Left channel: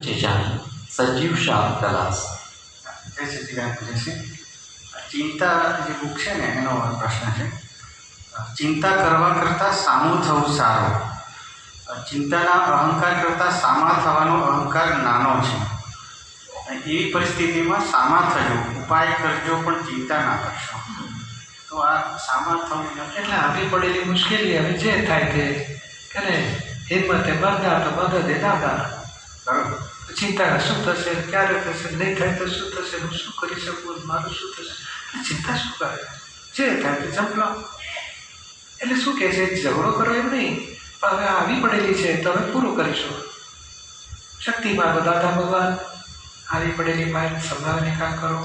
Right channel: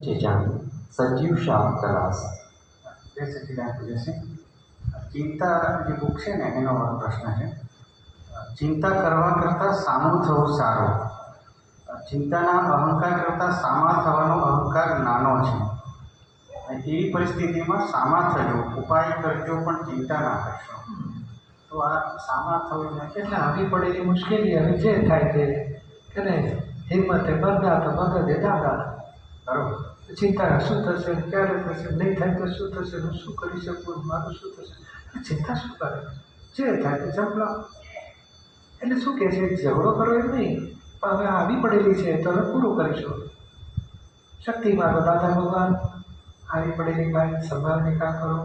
ચેચાણી સજીવ શાહ દલાસ. જય સચિદાન પૂજ્યશ્રી. ચિંતા જે બુક છે ને એનો પ્રશ્ન છે, ચિંતા કરવા કરતાં સામું થવું સારું. ચિંતાના અહંકાર કરતાં સામા થવાનો અહંકાર નાનો છે. એવી પરિસ્થિતિમાં સામા થજો, ઉપાય કરજો પણ ચિંતા ના કરશો. તો આ સામા થવું એટલે આવી પડેલી મુશ્કેલી હવે જે થાય તે કરે, હિંમતે મરદા તો મદદે દાદા. બરોબર. ચિંતા શું થશે, ક્યારે થશે, નહીં થાય તો શું થશે, હું શું કરી શકું, મારું શું થશે, ચિંતા શું કરે, જે થાય તે જંપલા. એટલે શું કહે છે, ઝઘડો કરો એમ નહીં, પણ હવે આવી પડેલી છે તો હવે પૂરું કરીશું. શક્તિ માગો દાદા ભગવાન, આવી પડેલી માઇન્ડ સંભાવને કામ કરો.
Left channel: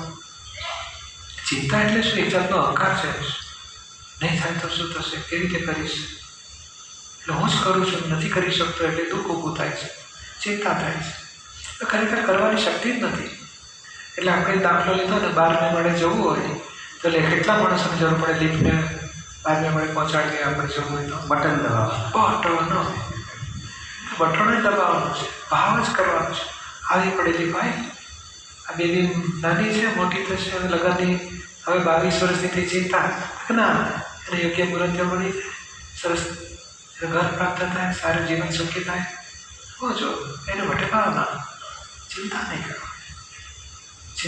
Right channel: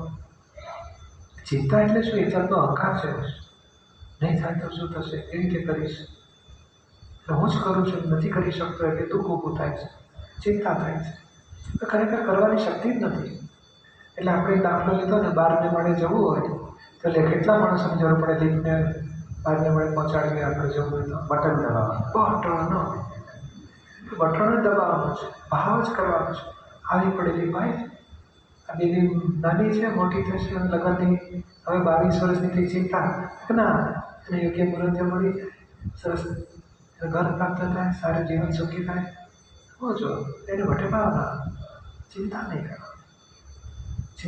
ચિંતા એટલે શું, એક જાતનો અહંકાર છે. નહીં થાય તો શું થશે, કેવી રીતે કરીશ, એટલે હું જ કરું છું, નથી કરી શકતો એટલે દુઃખ ઊભું થાય છે, ચિંતા થાય છે. તો ખરેખર કરવાની શક્તિ જ નથી. એટલે આપણે દાખલો લીધો ને, 12મે માળે જવું હોય તો કેટલા માણસોની જરૂર પડે લિફ્ટને 12મે માળે પહોંચાડીએ. આપણે જવું હોય તો બટન દબાવવાનું, બટન જ દબાવવાનું છે, ભાવ જ કરવાનો છે. આવી પડેલી ભાઈ, આ બેબી નાની છે, મોટી થશે, હવે લગ્નની, હવે 22 વર્ષની થઈ, ચિંતા ના, એને યોગ્ય મુહૂર્ત મળી જાય, સરસ ઘર પ્રાપ્ત થાય, સારું જીવન સુખી થાય, હો જો એને માટે ભાવના, ચિંતા નહીં કરો.